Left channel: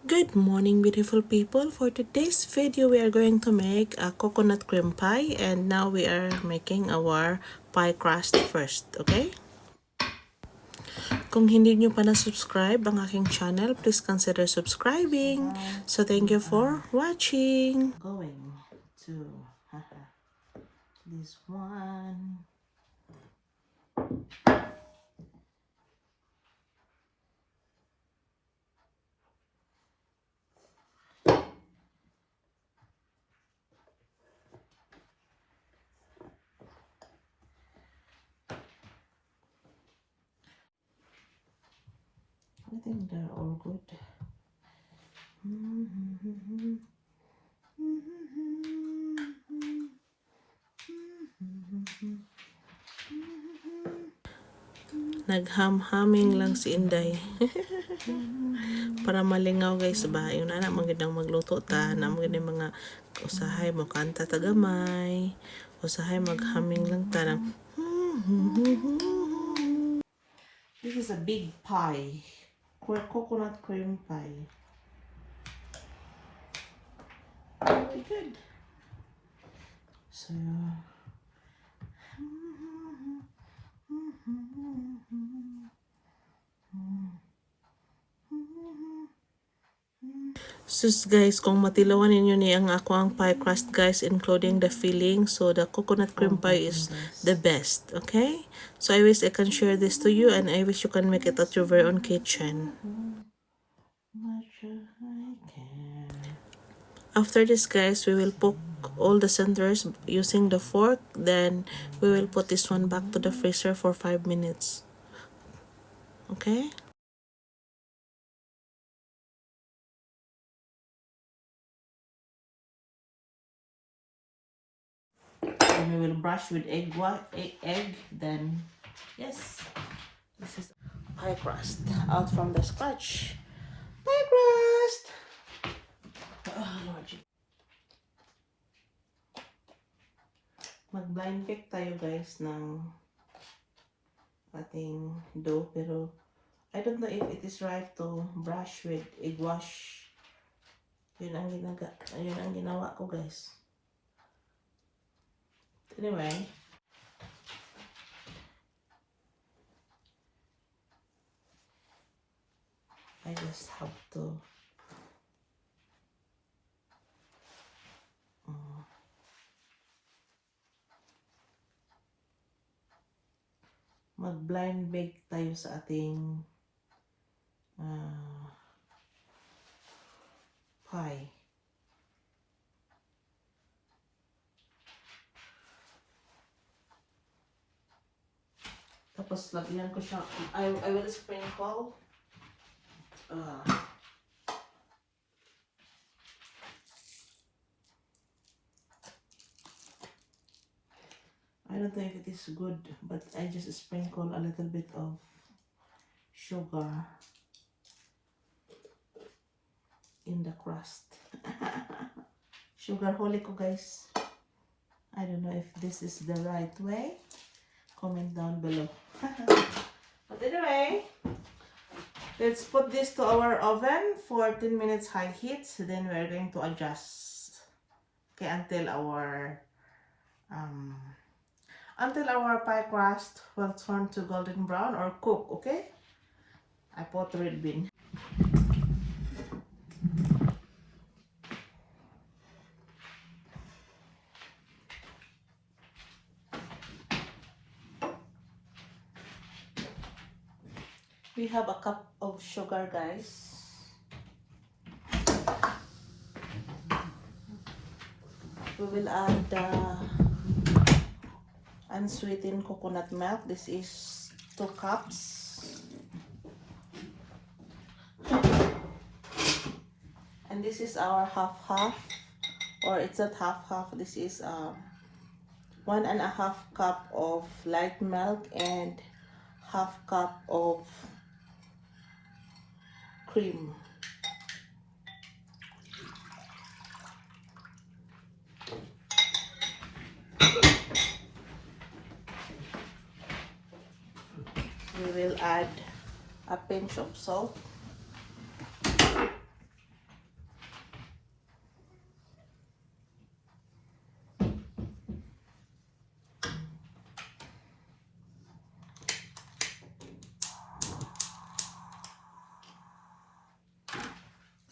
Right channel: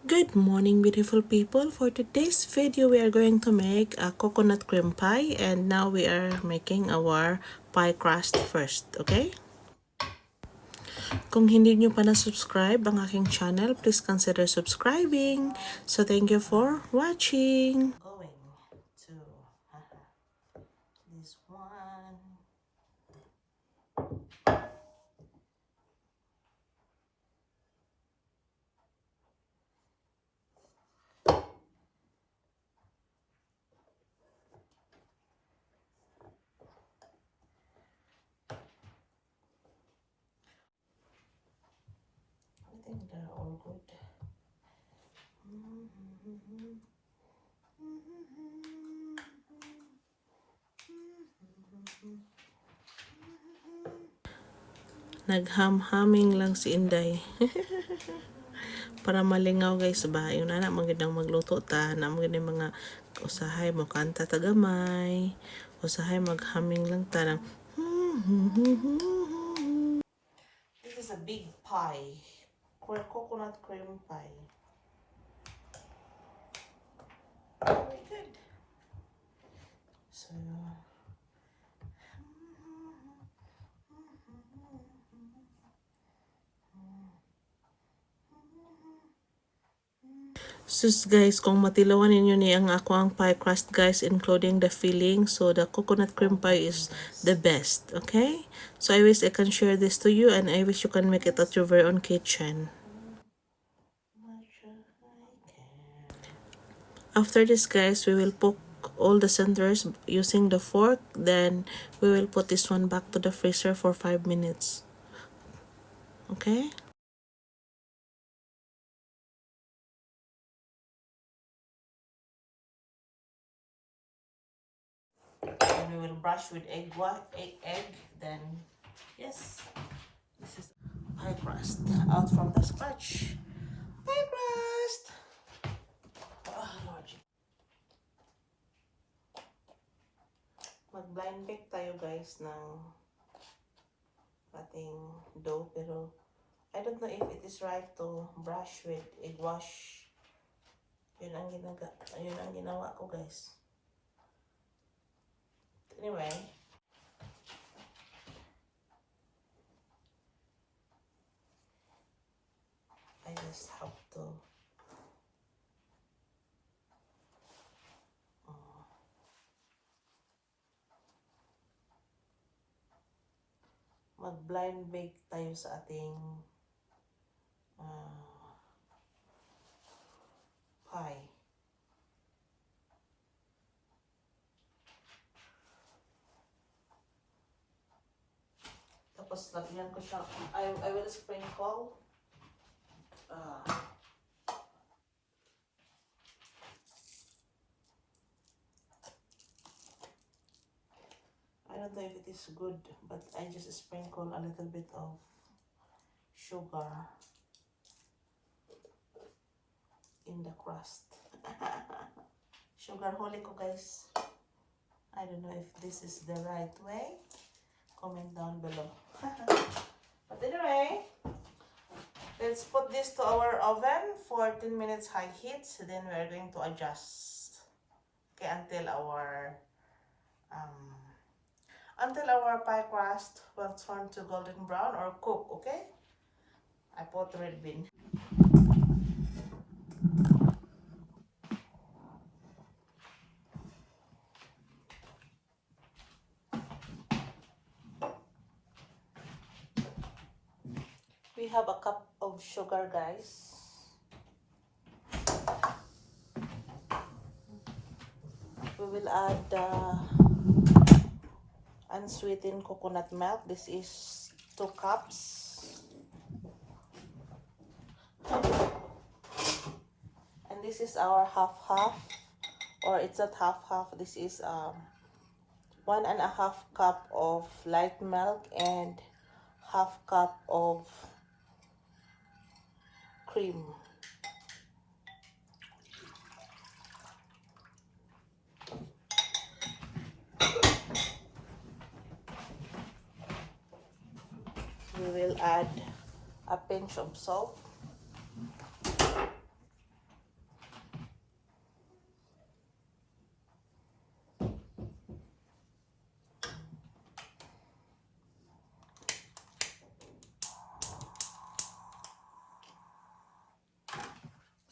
Good morning, beautiful people. For today's video, we are going to make a coconut cream pie, and now we are making our pie crust first, okay? Kung hindi nyo pa na-subscribe ang aking channel, please consider subscribing. So thank you for watching. Going to this one. I think they're all good. Nagham-haming lang si Inday. Para malingaw guys ba, yung anak magandang magluto ta, na magandang mga usahay mo kanta tagamay, usahay maghaming lang ta ng This is a big pie. Coconut cream pie. Very good. So sus guys, kung matilawan ninyo ni ang ako ang pie crust guys, including the filling, so the coconut cream pie is the best, okay? So I wish I can share this to you, and I wish you can make it at your very own kitchen. After this guys, we will poke all the centers using the fork, then we will put this one back to the freezer for 5 minutes, okay? And we will brush with egg, then yes, this is pie crust out from the scratch. Pie crust! Oh, Lord. Mag-blind bake tayo guys ng ating dough, pero I don't know if it is right to brush with egg wash. Yun ang ginawa ko guys. Anyway, I just have to mag-blind bake tayo sa ating pie. Tapos lagyan ko siya, I will sprinkle I don't know if it is good, but I just sprinkle a little bit of sugar in the crust. Sugar holy ko guys. I don't know if this is the right way. Comment down below. But anyway, let's put this to our oven for 10 minutes high heat. So then we're going to adjust, okay, until our pie crust will turn to golden brown or cook, okay? I put red bean. We have a cup of sugar guys. We will add unsweetened coconut milk. This is 2 cups. And this is our half, or it's not half. This is 1.5 cup of light milk and half cup of cream. We will add a pinch of salt.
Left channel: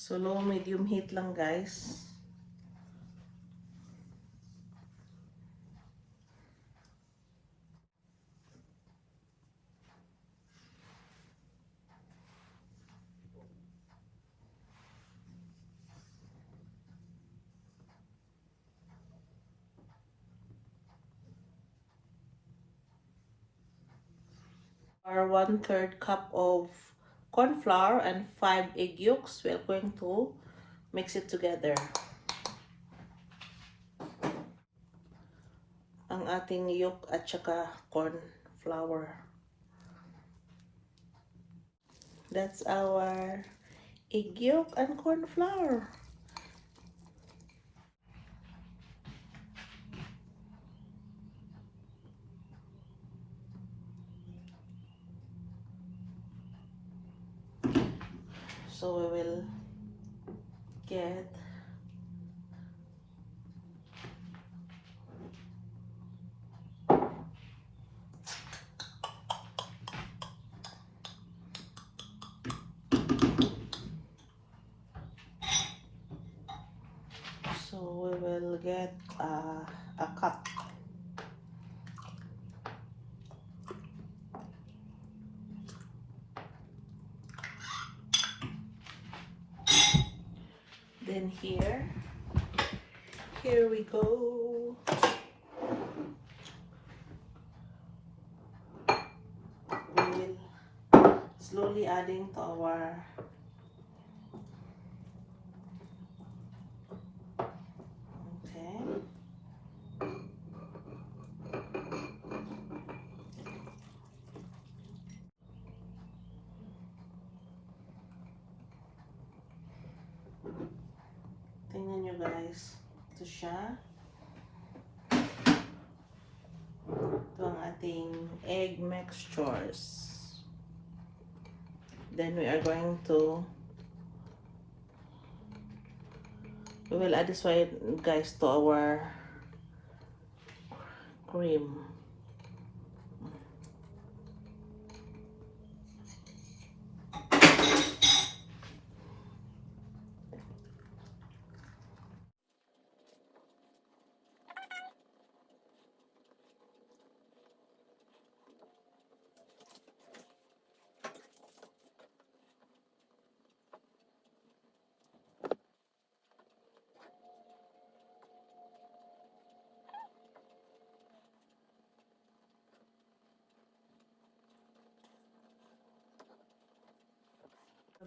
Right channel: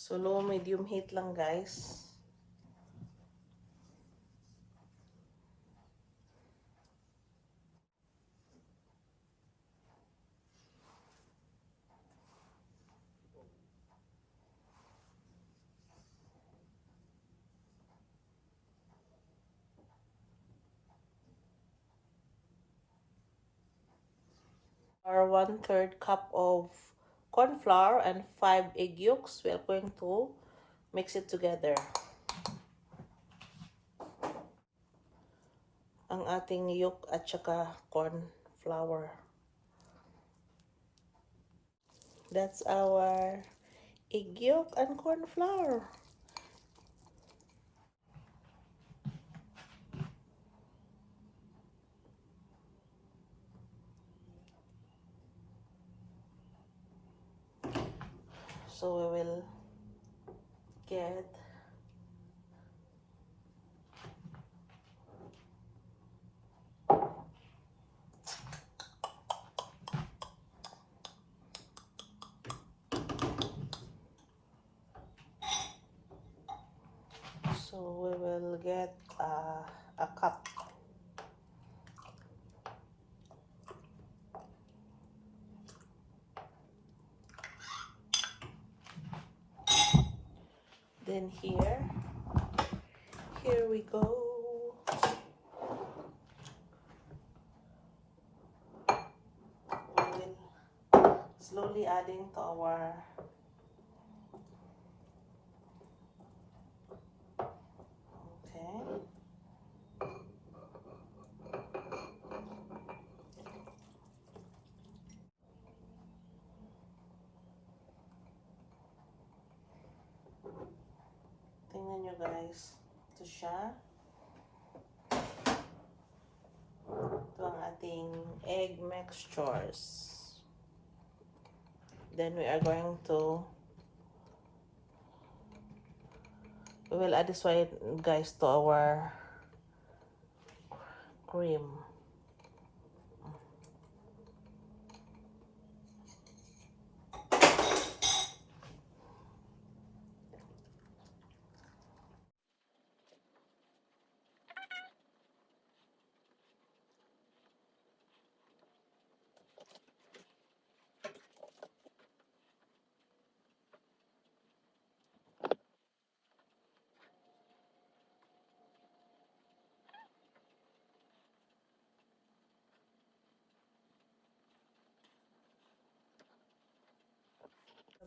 So low medium heat lang guys. Our 1/3 cup of corn flour and 5 egg yolks. We are going to mix it together. Ang ating yolk at saka corn flour. That's our egg yolk and corn flour. So we will get a cup. Then here we go. We will slowly adding to our tingnan nyo guys. Ito siya. Ito ang ating egg mixtures. Then we are going to we will add this one guys to our cream.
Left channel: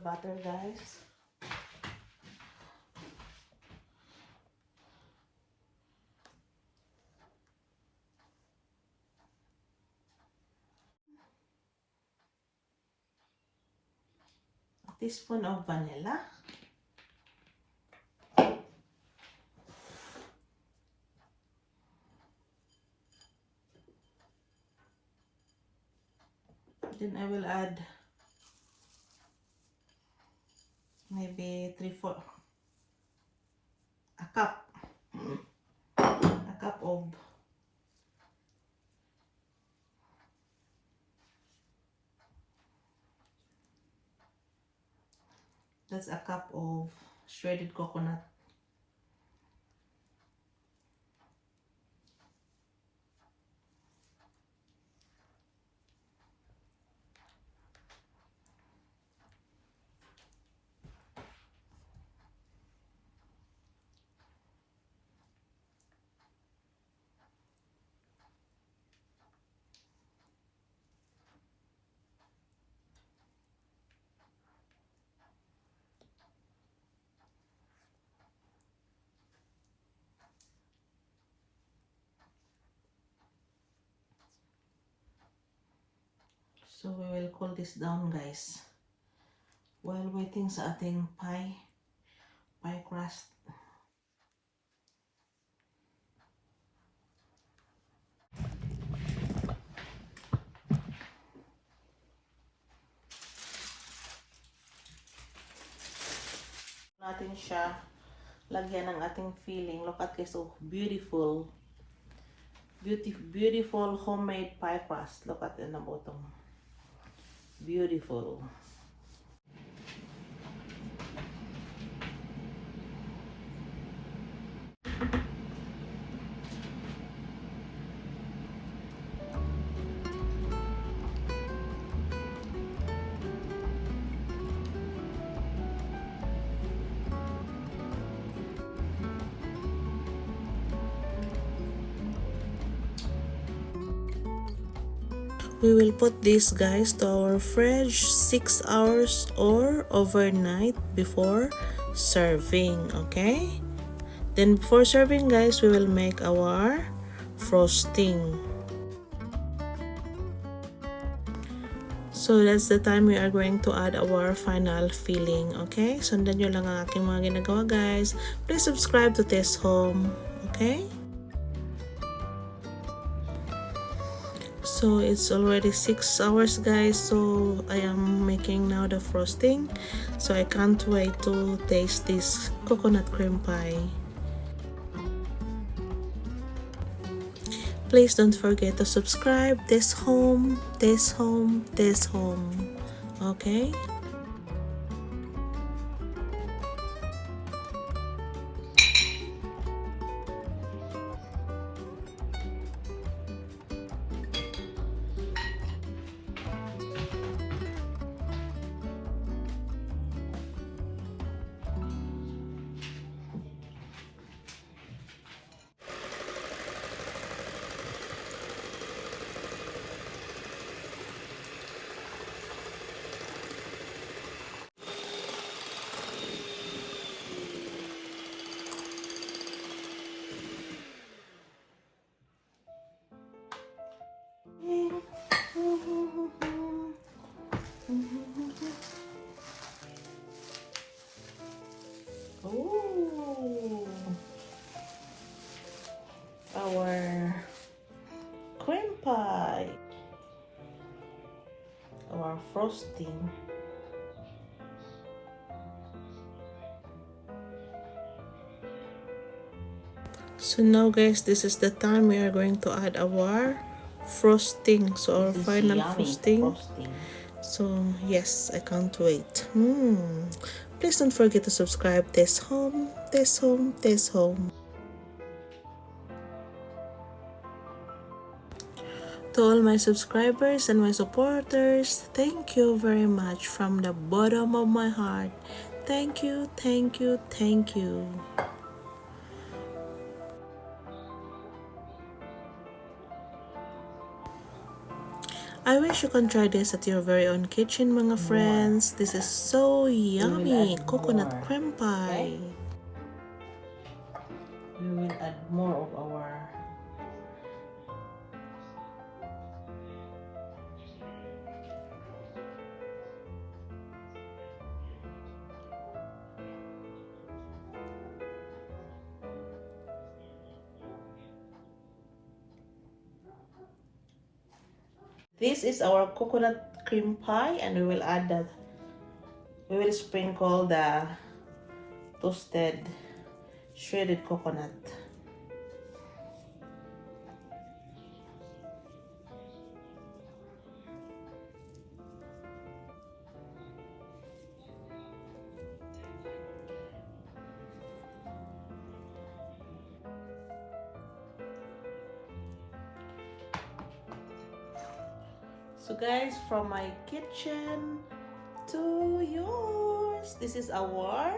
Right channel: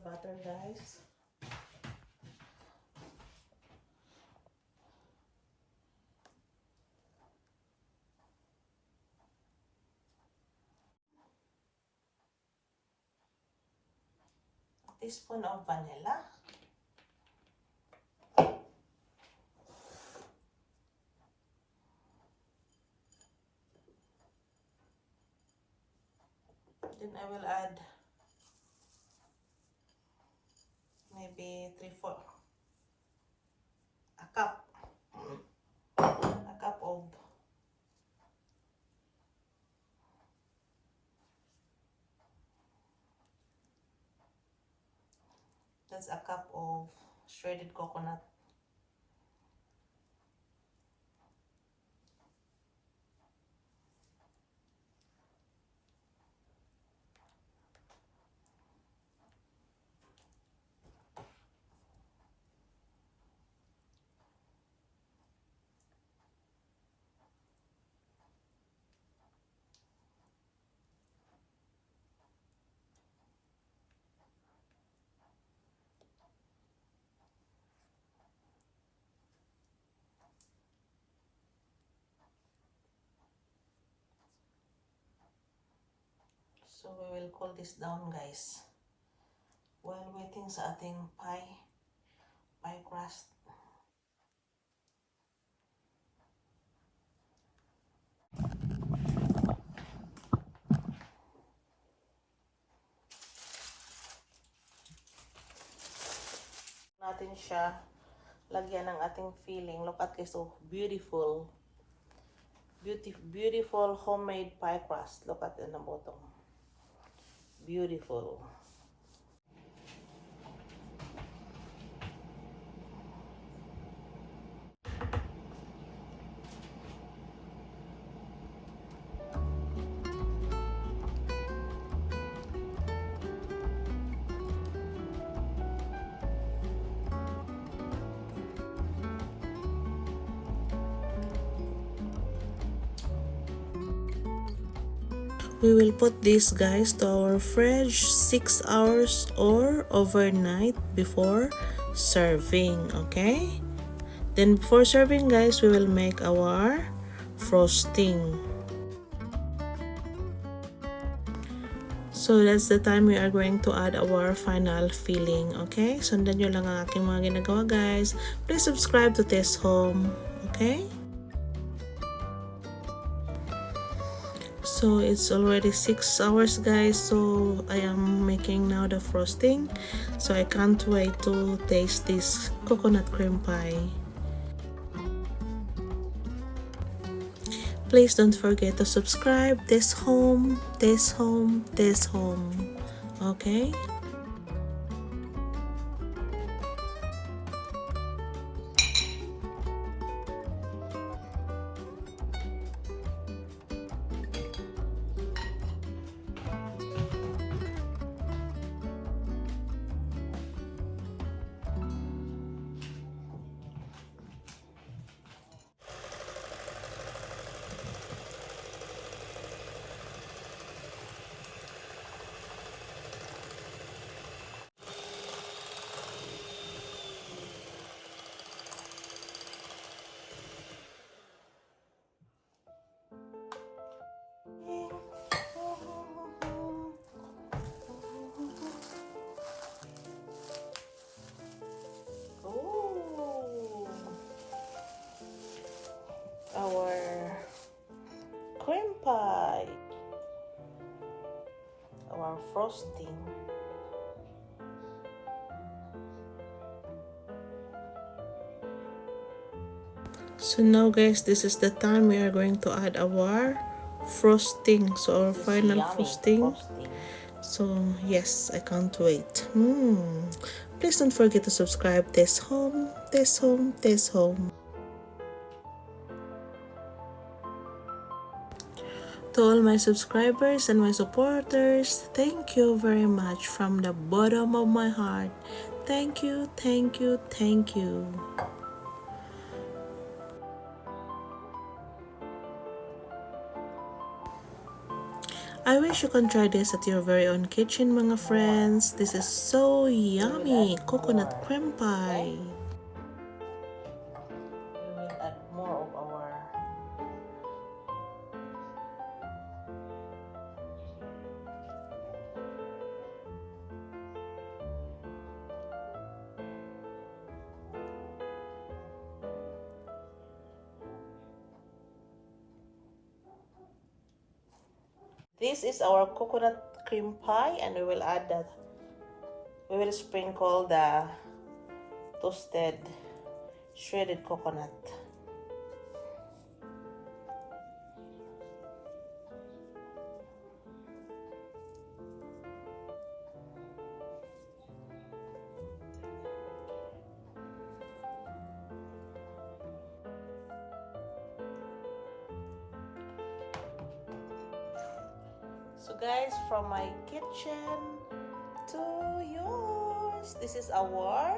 Butter guys. A teaspoon of vanilla. Then I will add maybe 3/4 a cup of that's a cup of shredded coconut. So we will cool this down guys while waiting sa ating pie crust. Natin siya lagyan ng ating filling. Look at this, so beautiful homemade pie crust. Look at in the bottom. Beautiful. We will put this, guys, to our fridge 6 hours or overnight before serving, okay? Then before serving, guys, we will make our frosting. So that's the time we are going to add our final filling, okay? Sundan nyo lang ang aking mga ginagawa, guys. Please subscribe to Tess Home, okay? So it's already 6 hours, guys, so I am making now the frosting. So I can't wait to taste this coconut cream pie. Please don't forget to subscribe. Tess Home, Tess Home, Tess Home, okay? Our cream pie, our frosting. So now, guys, this is the time we are going to add our frosting. So our final frosting. So yes, I can't wait. Please don't forget to subscribe. Tess Home, Tess Home, Tess Home. To all my subscribers and my supporters, thank you very much from the bottom of my heart. Thank you, thank you, thank you. I wish you can try this at your very own kitchen, mga friends. This is so yummy. Coconut cream pie. We will add more of our This is our coconut cream pie, and we will add that. We will sprinkle the toasted shredded coconut. So guys, from my kitchen to yours, this is our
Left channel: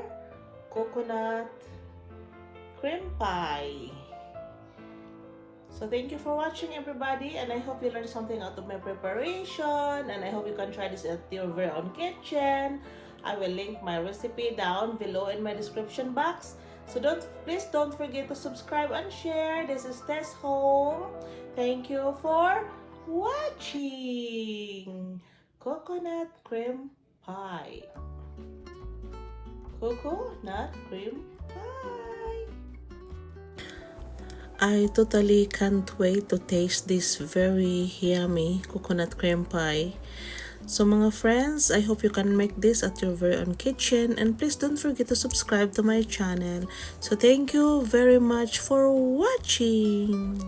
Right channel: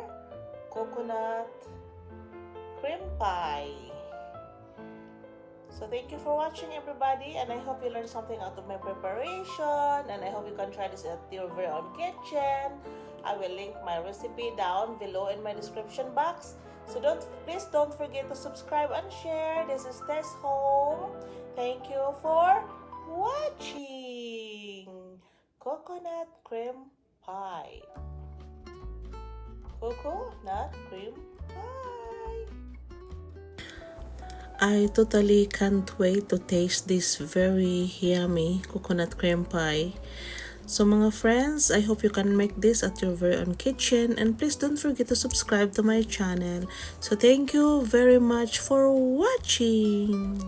coconut cream pie. So thank you for watching, everybody, and I hope you learned something out of my preparation, and I hope you can try this at your very own kitchen. I will link my recipe down below in my description box. So please don't forget to subscribe and share. This is Tess Home. Thank you for watching coconut cream pie. Coconut cream pie. I totally can't wait to taste this very yummy coconut cream pie. So mga friends, I hope you can make this at your very own kitchen, and please don't forget to subscribe to my channel. So thank you very much for watching.